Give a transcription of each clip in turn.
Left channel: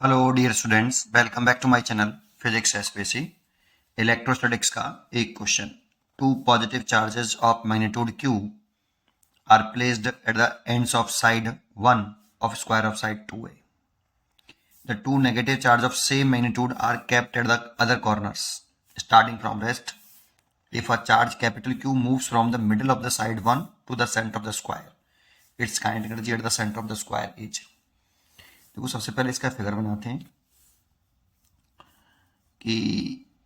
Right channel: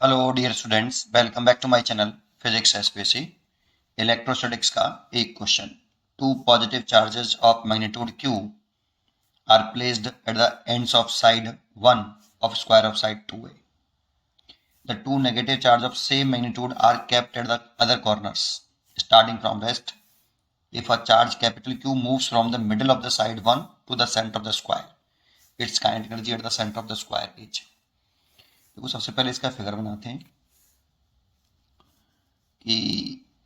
Hello dear students, welcome back to my channel physics SPC. Electrostatics का एक question. Two positive charges of magnitude q are placed at the ends of side 1 of square of side 2a. The two negative charges of same magnitude are kept at the other corners starting from rest. If a charge capital Q moves from the middle of the side 1 to the center of the square, its kinetic energy at the center of the square is। देखो, सबसे पहले इसका figure बनाते हैं कि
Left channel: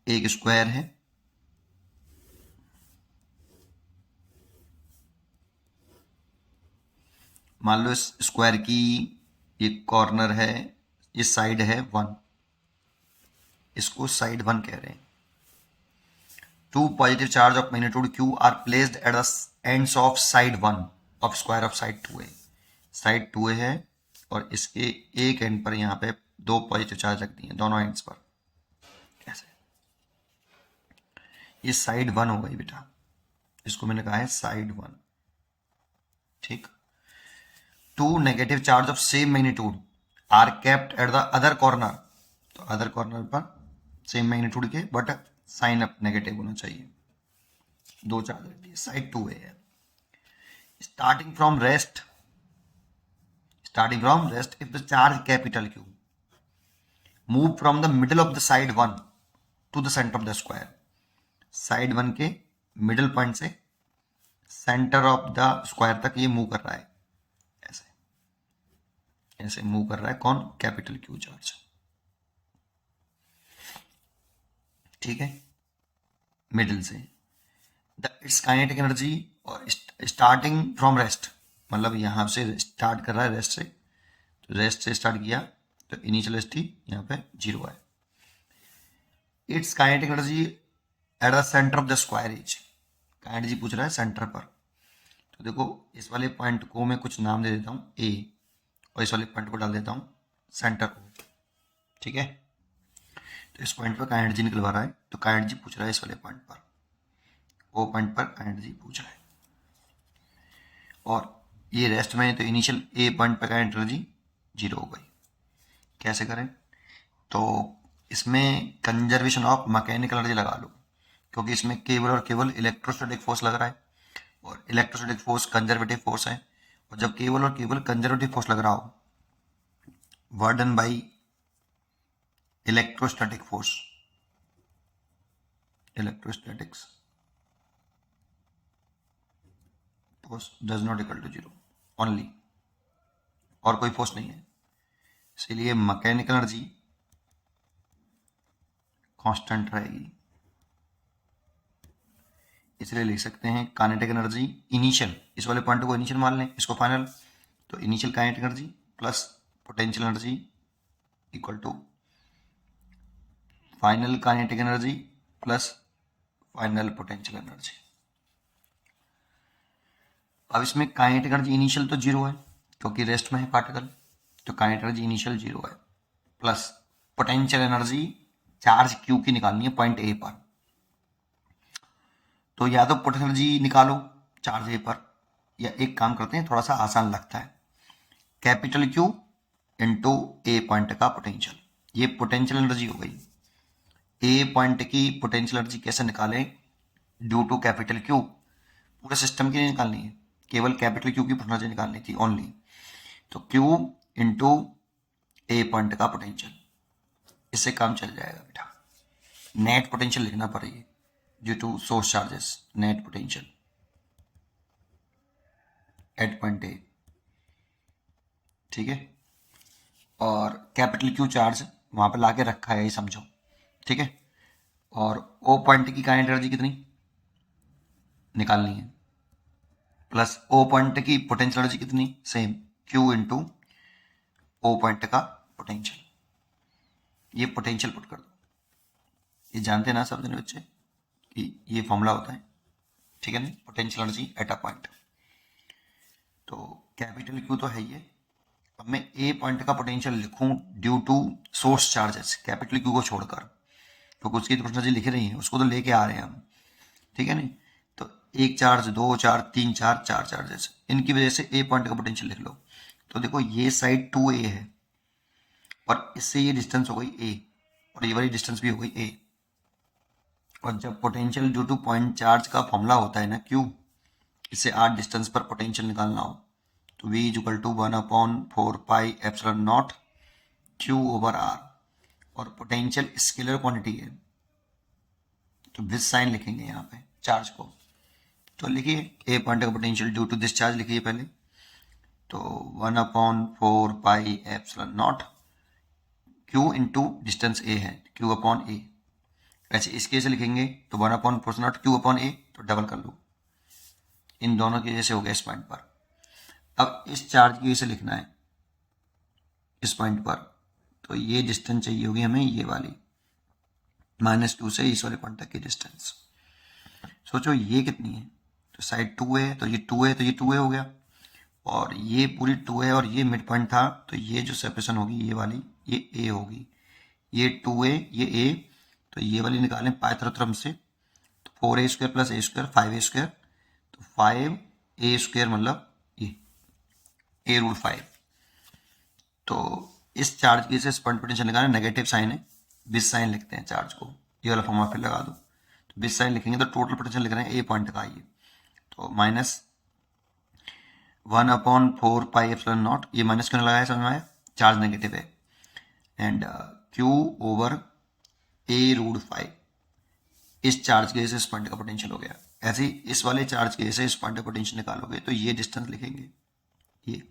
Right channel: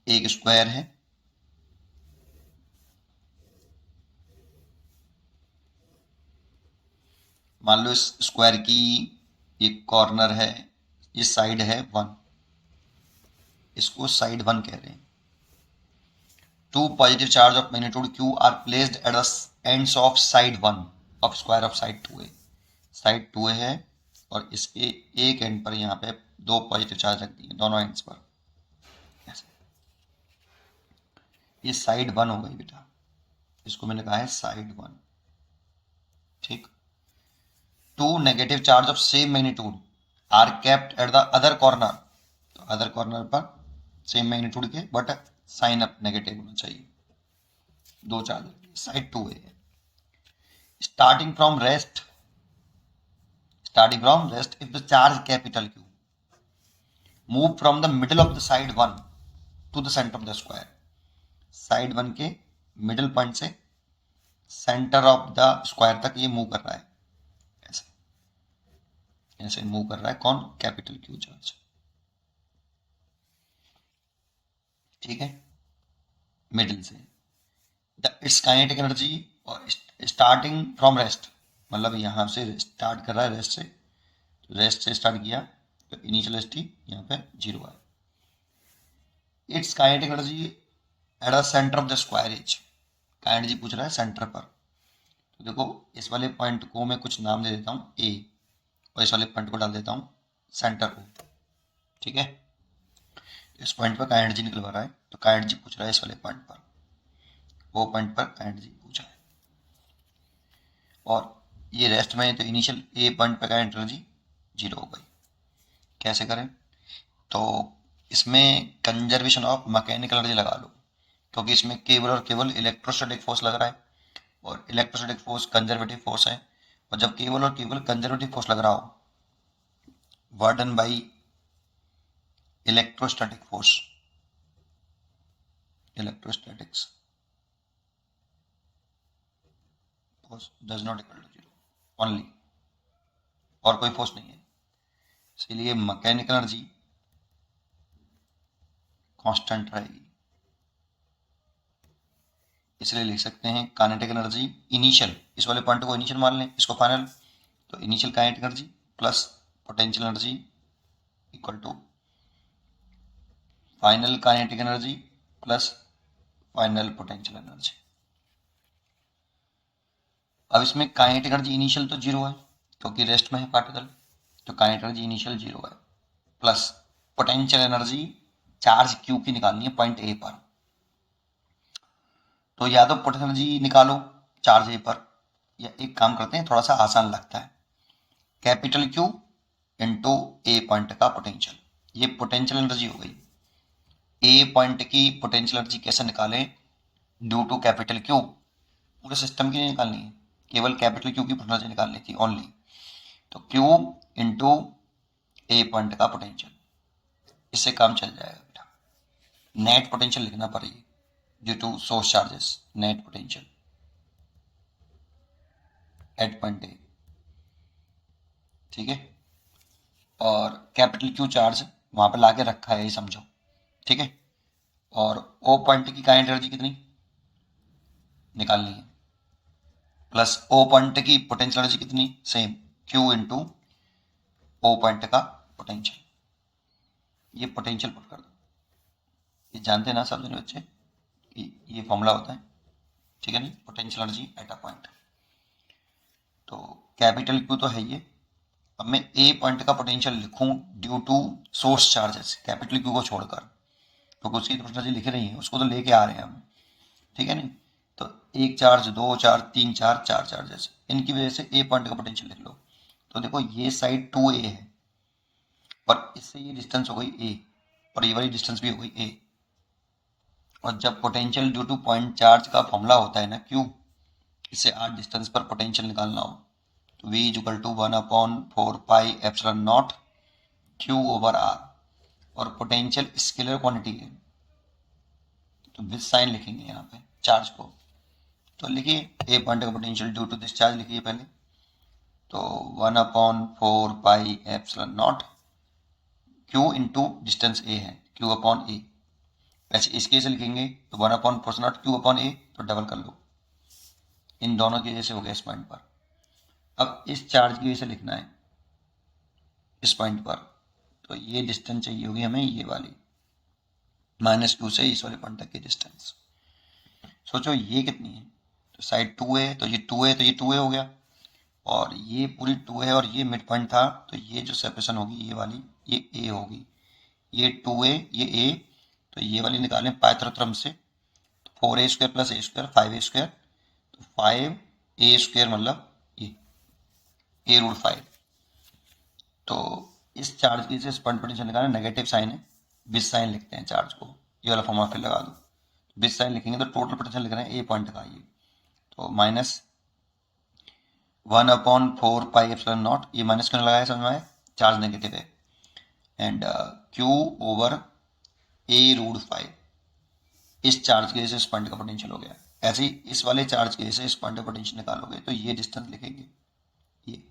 एक square है, मान लो इस स्क्वायर की ये कॉर्नर है, ये साइड है 1, इसको साइड 1 कह रहे हैं। Two positive charge of magnitude q are placed at the ends of side 1 of square of side 2a। Side 2a है और इसके एक एंड पर यहाँ पे दो पॉजिटिव चार्ज रख दिए, दोनों एंड्स पर। ऐसे ये साइड 1 हो गई बेटा, इसको मैंने कहा है साइड 1। ठीक। Two negative charge of same magnitude are kept at the other corner, तो अदर कॉर्नर पर सेम मैग्नीट्यूड के बट साइन अप नेगेटिव होना चाहिए। दो चार्ज रख दिए, साइड 2a है। Starting from rest if the charge capital Q move from the middle of the side 1 to the centre of the square. Side 1 के middle point से centre of the square तक ये move कर रहा है, ऐसे move कर रहा है। कौन? Capital Q charge. ठीक है, मिडिल से। द इट्स काइनेटिक एनर्जी और स्टार्टिंग फ्रॉम रेस्ट, मतलब यहां से स्टार्ट कर रहा है रेस्ट से, तो रेस्ट से स्टार्ट किया तो इनिशियल एस टी यहाँ पे 0 है। It's kinetic energy at the centre of the square is. Kinetic energy पूछ रहा है सेंटर पर, तो देखो इस वाले पॉइंट को मैं कुछ नाम दे देता हूँ ए, और इस वाले पॉइंट को डाल देता हूँ सेंटर O। ठीक है, तो इस पॉइंट पर काइनेटिक एनर्जी निकलवा रहा है, तो काइनेटिक एनर्जी पूछ रहा है इस वाले पॉइंट पर, वो पॉइंट पर काइनेटिक एनर्जी पूछा है। और ये रेस्ट में, तो इनिशियल ए पॉइंट पर काइनेटिक एनर्जी 0 हो गई। कैसे करें? तो इसमें कंजर्वेशन ऑफ मैकेनिकल एनर्जी लगा लो, क्योंकि इसमें केवल और केवल इलेक्ट्रोस्टैटिक फोर्स लग रहा है, और इलेक्ट्रोस्टैटिक फोर्स कंजर्वेटिव फोर्स है। और जब केवल और केवल कंजर्वेटिव फोर्स लग रहा हो, work done by electrostatic force, electrostatics force does not equal to 0 only, और कोई फोर्स नहीं है, इसीलिए मैकेनिकल एनर्जी कांस्टेंट रहेगी। इसलिए लिख सकते हैं काइनेटिक एनर्जी इनिशियल, इस वाले पॉइंट को इनिशियल मान लें, इसको फाइनल, तो initial kinetic energy plus potential energy equal to final kinetic energy plus final potential energy. अब इसमें काइनेटिक एनर्जी इनिशियल तो 0 है क्योंकि रेस्ट में है पार्टिकल, तो काइनेटिक एनर्जी इनिशियल 0 है, plus potential energy charge Q की निकालनी है पॉइंट ए पर। तो या तो पोटेंशियल एनर्जी निकालो चार्ज ए पर, या एक काम करते हैं, थोड़ा सा आसान लगता है, capital Q into A point का पोटेंशियल, ये पोटेंशियल एनर्जी हो गई। ए पॉइंट की पोटेंशियल एनर्जी कैसे निकालें? ड्यू टू कैपिटल Q, पूरे सिस्टम की नहीं निकालनी है, केवल कैपिटल Q की पोटेंशियल निकालनी थी ओनली। तो Q इंटू ए पॉइंट का पोटेंशियल, इससे काम चल जाएगा बेटा। नेट पोटेंशियल लिखना पड़ेगी due to source charges, net potential at point A. ठीक है, और कैपिटल Q चार्ज वहां पर लाके रखा है, ये समझो। ठीक है, और ओ पॉइंट की काइनेटिक एनर्जी कितनी निकालनी है, प्लस ओ पॉइंट की पोटेंशियल एनर्जी कितनी, same, Q into O point का पोटेंशियल। ये पोटेंशियल पुट कर दो, ये जानते हैं ना सब जने बच्चे कि ये फॉर्मूला होता है, ठीक है ना, potential energy at A point. तो कैपिटल Q तो है ये। अब मैं ए पॉइंट का पोटेंशियल लिखूं due to source charges, capital Q को छोड़कर, तो उसकी तो एनर्जी लिख रही है, उसको तो लेके आ रहे हैं हम, ठीक है नहीं। तो एक चार्ज, दो चार्ज, तीन चार्ज, चार चार्जेस, इनकी वजह से ए पॉइंट का पोटेंशियल लिख लो। तो देखो ये साइड 2a है, और इससे ये डिस्टेंस हो गई ए, और ये वाली डिस्टेंस भी हो गई ए। और जब potential due two point charge का फॉर्मूला होता है ना क्यू, इससे आर डिस्टेंस पर पोटेंशियल निकालना हो, तो V is equal to 1/4πε0 Q over R. और पोटेंशियल स्केलर क्वांटिटी है तो विद साइन लिखेंगे यहाँ पे चार्ज को। तो लिखिए ए पॉइंट का potential due to this charge लिखिए पहले, तो 1/4πε0 Q इंटू डिस्टेंस ए है, Q अपॉन ए। ऐसे इसके से लिखेंगे तो 1/4 Q अपॉन ए, तो डबल कर लो, इन दोनों की वजह से हो गया इस पॉइंट पर। अब इस चार्ज की वजह से लिखना है इस पॉइंट पर, तो ये डिस्टेंस चाहिए होगी हमें, ये वाली -2 से इस वाले पॉइंट तक की डिस्टेंस। सोचो ये कितनी है, तो साइड 2 है तो ये 2 है, तो ये 2a हो गया, और ये पूरी 2 है, और ये मिड पॉइंट था, तो ये जो सेपरेशन होगी ये वाली, ये a होगी, ये 2a ये a, तो ये वाली निकालें पाइथागोरस से, तो 4a² + a² 5a², तो 5a² मतलब ये a√5। तो इस चार्ज की से पॉइंट पोटेंशियल निकालें, नेगेटिव साइन है, बिस साइन लिखते हैं चार्ज को, ये वाला फॉर्मूला फिर लगा दो, तो बिस साइन लिखेंगे तो टोटल पोटेंशियल लिख रहे हैं ए पॉइंट का, ये तो -1/4πε0, ये माइनस क्यों लगाया समझ में आया, चार्ज नेगेटिव है, एंड Q ओवर a√5। इस चार्ज की वजह से इस पॉइंट का पोटेंशियल हो गया। ऐसे ही इस वाले चार्ज की वजह से इस पॉइंट का पोटेंशियल निकालोगे तो ये डिस्टेंस लिखेंगे ये,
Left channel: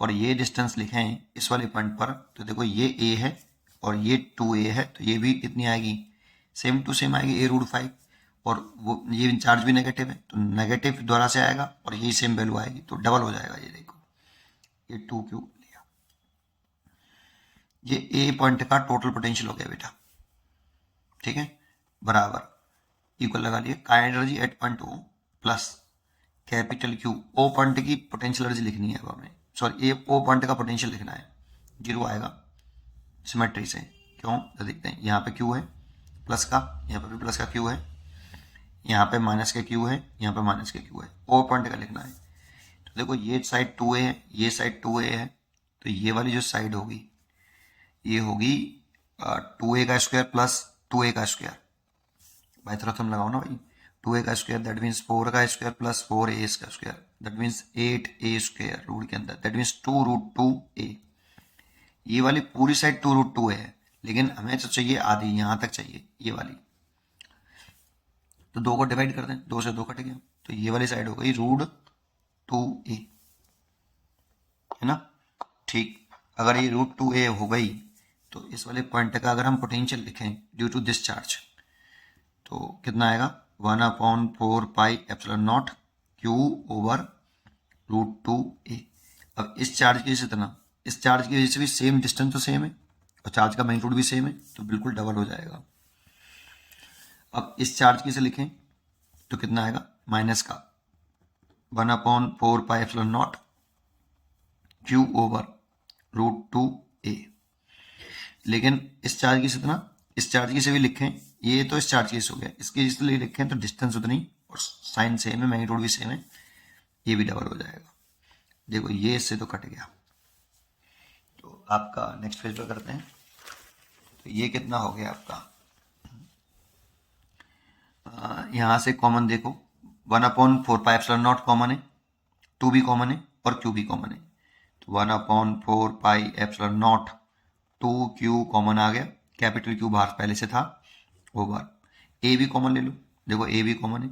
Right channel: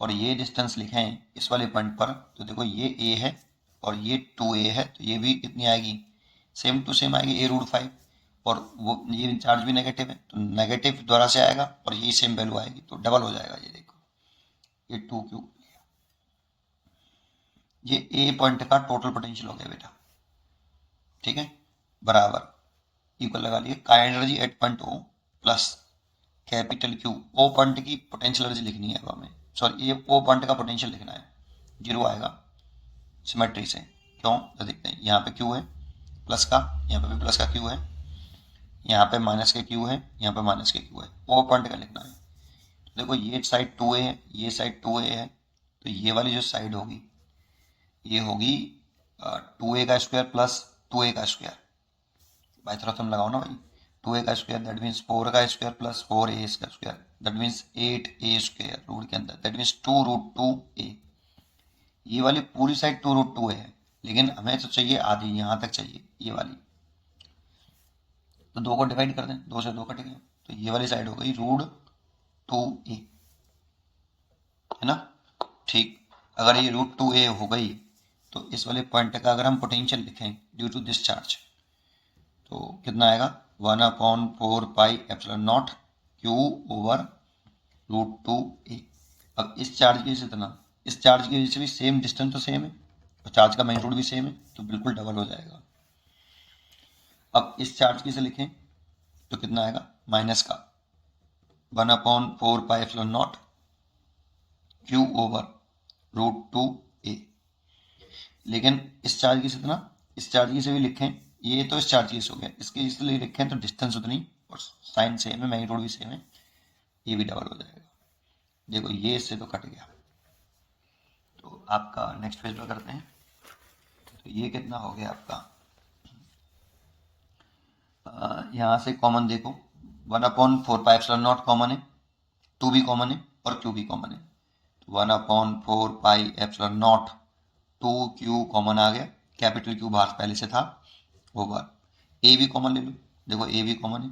और ये डिस्टेंस लिखें इस वाले पॉइंट पर, तो देखो ये a है और ये 2a है, तो ये भी कितनी आएगी, सेम टू सेम आएगी a√5, और वो ये चार्ज भी नेगेटिव है तो नेगेटिव द्वारा से आएगा, और ये सेम वैल्यू आएगी, तो डबल हो जाएगा। ये देखो ये 2q लिया, ये a पॉइंट का टोटल पोटेंशियल हो गया बेटा, ठीक है, बराबर इक्वल लगा लिए kinetic energy at point O plus capital Q, O point की पोटेंशियल एनर्जी लिखनी है अब हमें, सॉरी ये O पॉइंट का पोटेंशियल लिखना है, 0 आएगा सिमेट्री से, क्यों तो देखते हैं, यहाँ पे Q है प्लस का, यहाँ पे भी प्लस का Q है, यहाँ पे माइनस के Q है, यहाँ पे माइनस के Q है, O पॉइंट का लिखना है। तो देखो ये साइड 2a है, ये साइड 2a है, तो ये वाली जो साइड होगी ये होगी 2a का स्क्वायर प्लस 2a का स्क्वायर, बाई तरफ हम लगाओ ना भाई, 2a का स्क्वायर दैट मीन्स 4 का स्क्वायर प्लस 4a का square that means 8a² root के अंदर, दैट मीन्स 2√2a। ये वाली पूरी साइड 2√2 है, लेकिन हमें तो चाहिए आधी, यहाँ तक चाहिए ये वाली, तो 2 को डिवाइड कर दें, 2 से 2 कट गया, तो ये वाली साइड हो गई √2a, है ना। ठीक, अगर ये √2a हो गई तो इस वाले पॉइंट का अगर हम पोटेंशियल लिखें ड्यू टू दिस चार्ज, तो कितना आएगा 1/4πε0 Q ओवर √2a। अब इस चार्ज की वजह से इतना, इस चार्ज की वजह से भी सेम डिस्टेंस तो सेम है और चार्ज का मैग्नीट्यूड भी सेम है, तो बिल्कुल डबल हो जाएगा। अब इस चार्ज की से लिखें तो कितना आएगा, माइनस का 1/4πε0 Q ओवर √2a। लेकिन इस चार्ज की से इतना, इस चार्ज की से भी लिखें, ये तो इस चार्ज की से हो गया, इसके इसलिए लिखें तो डिस्टेंस उतनी और साइन सेम है, मैग्नीट्यूड भी सेम है, ये भी डबल हो जाएगा। देखो ये इससे तो कट गया, तो आपका नेक्स्ट पेज पर करते हैं, तो ये कितना हो गया आपका, यहाँ से कॉमन देखो 1/4πε0 कॉमन है, 2 भी कॉमन है और Q भी कॉमन है, तो 1/4πε0 2Q कॉमन आ गया, कैपिटल Q बाहर पहले से था, ओवर A भी कॉमन ले लो, देखो A भी कॉमन है,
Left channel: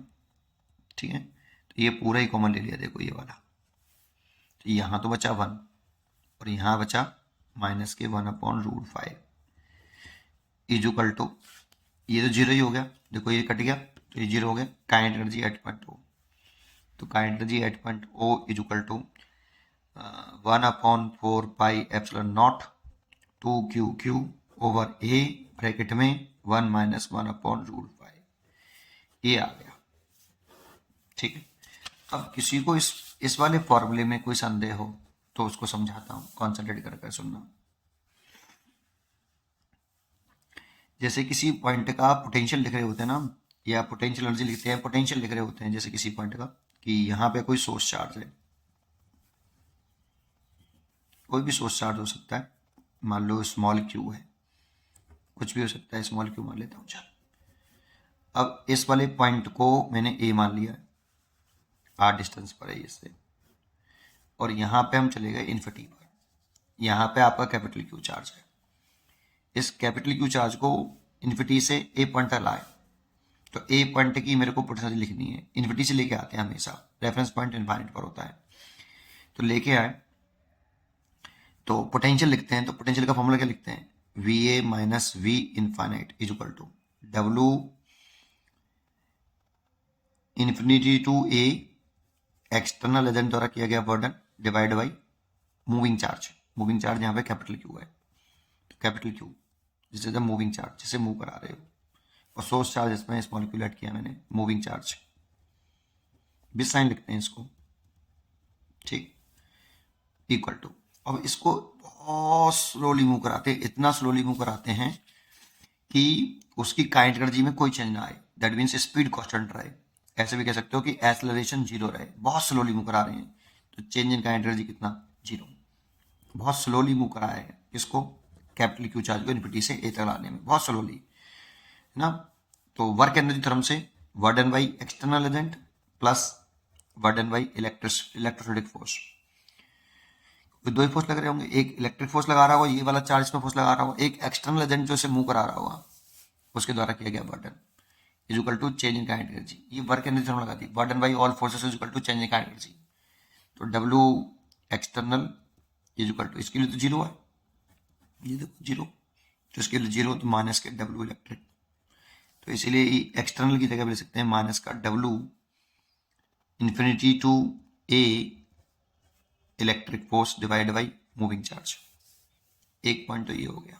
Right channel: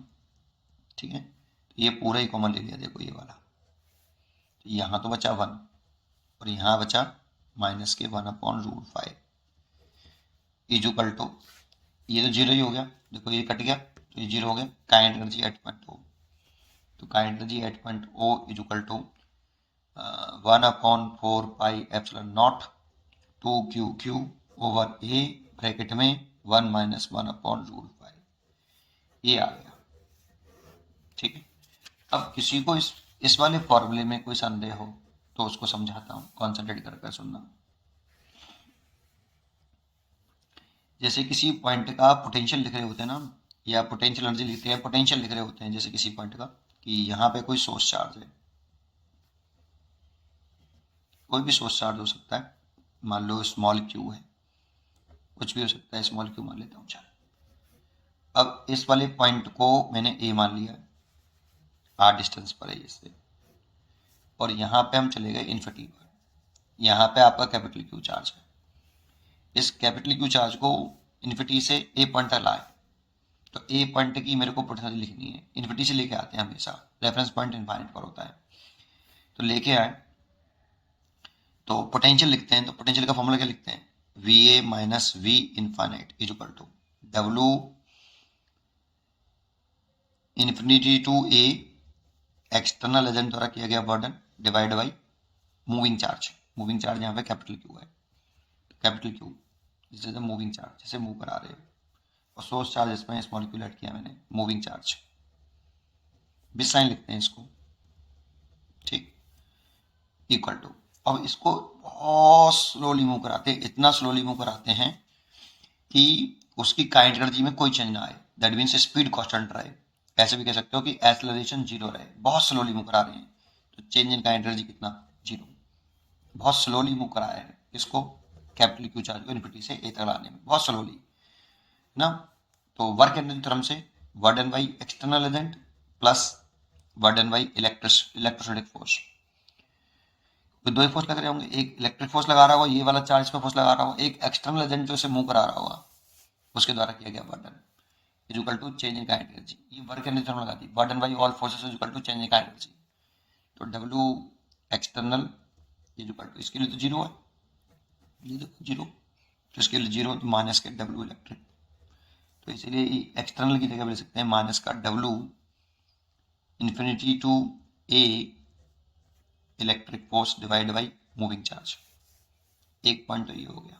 ठीक है, तो ये पूरा ही कॉमन ले लिया, देखो ये वाला, तो यहाँ तो बचा 1 और यहाँ बचा माइनस के 1/√5 इक्वल टू, ये तो 0 ही हो गया, देखो ये कट गया तो ये 0 हो गया, kinetic energy at point O, तो kinetic energy at point O equal to 1/4πε0 2Q over A bracket में 1 - 1/√5, ये आ गया, ठीक है। अब किसी को इस वाले फॉर्मूले में कोई संदेह हो तो उसको समझाता हूँ, कॉन्सेंट्रेट कर सुनना। जैसे किसी पॉइंट का पोटेंशियल लिख रहे होते हैं ना, या पोटेंशियल एनर्जी लिखते हैं, पोटेंशियल लिख रहे होते हैं, जैसे किसी पॉइंट का कि यहाँ पे कोई सोर्स चार्ज है, कोई भी सोर्स चार्ज हो सकता है, मान लो स्मॉल क्यू है, कुछ भी हो सकता है, स्मॉल क्यू मान लेता हूँ। चल अब इस वाले पॉइंट को मैंने ए मान लिया, आर डिस्टेंस पर है इससे, और यहाँ पे हम चले गए इन्फिनिटी पर। यहाँ पे आपका कैपिटल क्यू चार्ज है। इस कैपिटल क्यू चार्ज को इन्फिनिटी से ए पॉइंट तक लाए, तो ए पॉइंट की मेरे को पोटेंशियल लिखनी है। इन्फिनिटी से लेके आते हैं हमेशा, रेफरेंस पॉइंट इनफाइनाइट पर होता है। तो लेके आए तो पोटेंशियल लिखते हैं, तो पोटेंशियल का फॉर्मूला क्या लिखते हैं, V A minus V infinite is equal to W infinity to A external agent द्वारा किया गया work done divide by moving charge. Moving charge यहाँ पे कैपिटल क्यू है, तो capital Q this is the moving charge जिसे मूव करा रहे हो, और सोर्स चार्ज इसमें स्मॉल क्यू ऐड किया मैंने, मूविंग चार्ज बिस साइन लिखते हैं इसको, ठीक, इक्वल टू। अब इसको बहुत स्लोली मूव कराते हैं, इतना स्लोली मूव कराते हैं कि उसकी काइनेटिक एनर्जी में कोई चेंज ना आए, दैट मीन्स स्पीड कांस्टेंट रहे। ऐसे भी कह सकते हो कि एक्सेलरेशन जीरो रहे, बहुत स्लोली मूव करा रहे हैं, तो चेंज इन काइनेटिक एनर्जी कितना, जीरो। बहुत स्लोली मूव कराया है इसको, कैपिटल क्यू चार्ज को इन्फिनिटी से ए तक लाने में, बहुत स्लोली है ना। तो वर्क एनर्जी थ्योरम से work done by external agent plus work done by electrostatic force, तो दो ही फोर्स लग रहे होंगे, एक इलेक्ट्रिक फोर्स लगा रहा होगा, ये वाला चार्ज पे फोर्स लगा रहा होगा, एक एक्सटर्नल एजेंट जो इसे मूव करा रहा होगा उसके द्वारा किया गया work done is equal to change in kinetic energy. ये वर्क एनर्जी थ्योरम लगा दी, work done by all forces is equal to change in kinetic energy. तो W external is equal to, इसके लिए तो जीरो है, ये देखो जीरो, तो इसके लिए जीरो, तो माइनस के डब्ल्यू इलेक्ट्रिक, तो इसीलिए एक्सटर्नल की जगह ले सकते हैं माइनस का W infinity to A electric force divide by moving charge. एक पॉइंट तो ये हो गया।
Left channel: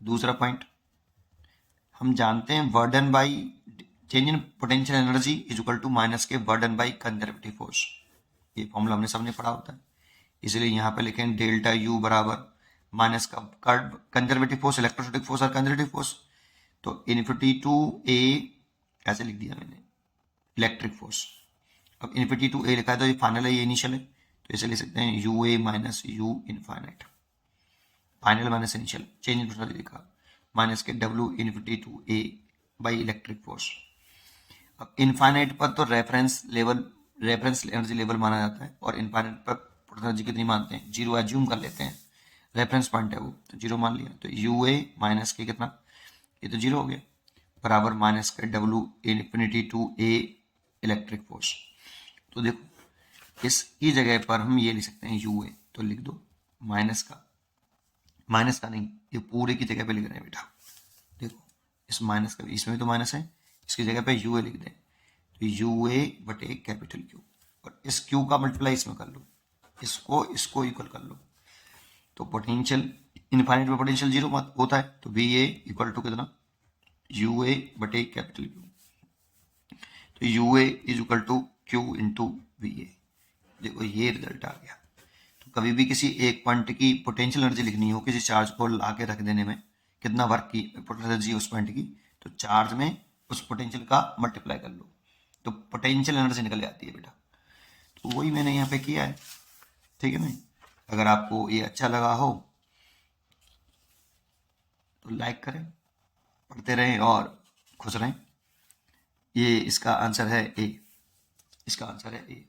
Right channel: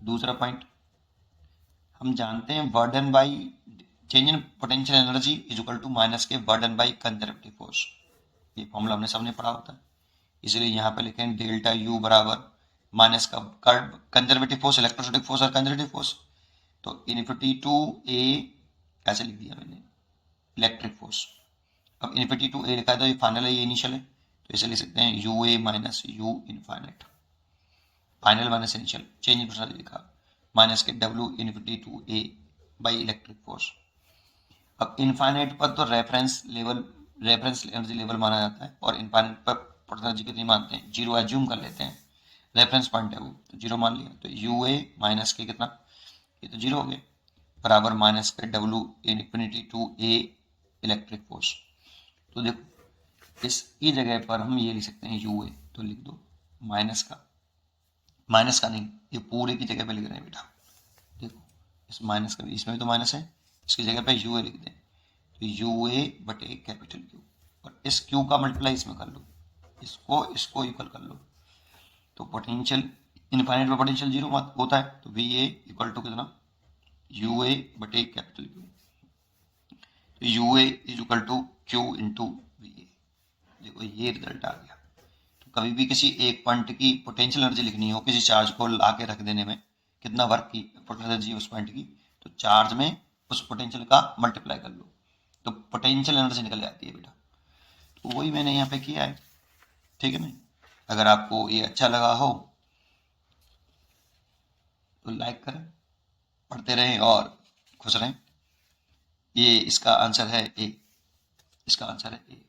दूसरा पॉइंट हम जानते हैं work done by change in potential energy is equal to minus के बर्डन बाई कंजर्वेटिव फोर्स, ये फॉर्मूला हमने सबने पढ़ा होता है, इसलिए यहाँ पे लिखें डेल्टा यू बराबर माइनस का कंजर्वेटिव फोर्स, इलेक्ट्रोस्टैटिक फोर्स और कंजर्वेटिव फोर्स, तो इन्फिनिटी टू ए ऐसे लिख दिया मैंने इलेक्ट्रिक फोर्स। अब इन्फिनिटी टू ए लिखा है तो ये फाइनल है, ये इनिशियल है, तो इसे लिख सकते हैं U A minus U infinite, final minus initial, change in potential लिखा माइनस के W infinity to A by electric force. अब इनफाइनाइट पर तो रेफरेंस एनर्जी लेवल माना जाता है, और इनफाइनाइट पर पोटेंशियल एनर्जी कितनी मानते हैं, जीरो एज्यूम कर लेते हैं, रेफरेंस पॉइंट है वो, तो जीरो मान लिया, तो यू ए माइनस के कितना, ये तो जीरो हो गया, बराबर माइनस के W infinity to A electric force. तो देखो इसकी जगह पर हम ये लिख सकते हैं यू ए, तो लिख दो माइनस का नहीं, ये पूरे की जगह पे लिख रहे हैं बेटा, देखो इस माइनस का, इसमें भी तो माइनस है, इसकी जगह पे यू ए लिख दें, तो यू ए बटे कैपिटल क्यू, और इस क्यू का मल्टीप्लाई इसमें कर लो, इसको इक्वल कर लो, तो पोटेंशियल इनफाइनाइट में पोटेंशियल जीरो होता है, तो वी ए इक्वल टू कितना, यू ए बटे कैपिटल क्यू, तो U A is equal to Q into V A. देखो ये रिजल्ट आ गया। तो कभी भी किसी एक पॉइंट की पोटेंशियल एनर्जी लिखनी हो, किसी चार्ज को ला के रख देने में कितना वर्क की पोटेंशियल एनर्जी उस पॉइंट की, तो चार्ज में उस पोटेंशियल का मल्टीप्लाई कर लो, तो पोटेंशियल एनर्जी निकल जाती है बेटा। तो वही मैंने यहाँ पे किया है, ठीक है नहीं। अगर आपको ये अच्छा लगा हो तो लाइक करें, पढ़ते रहें और खुश रहें। ये इसका आंसर है ए, इसका आंसर है ए।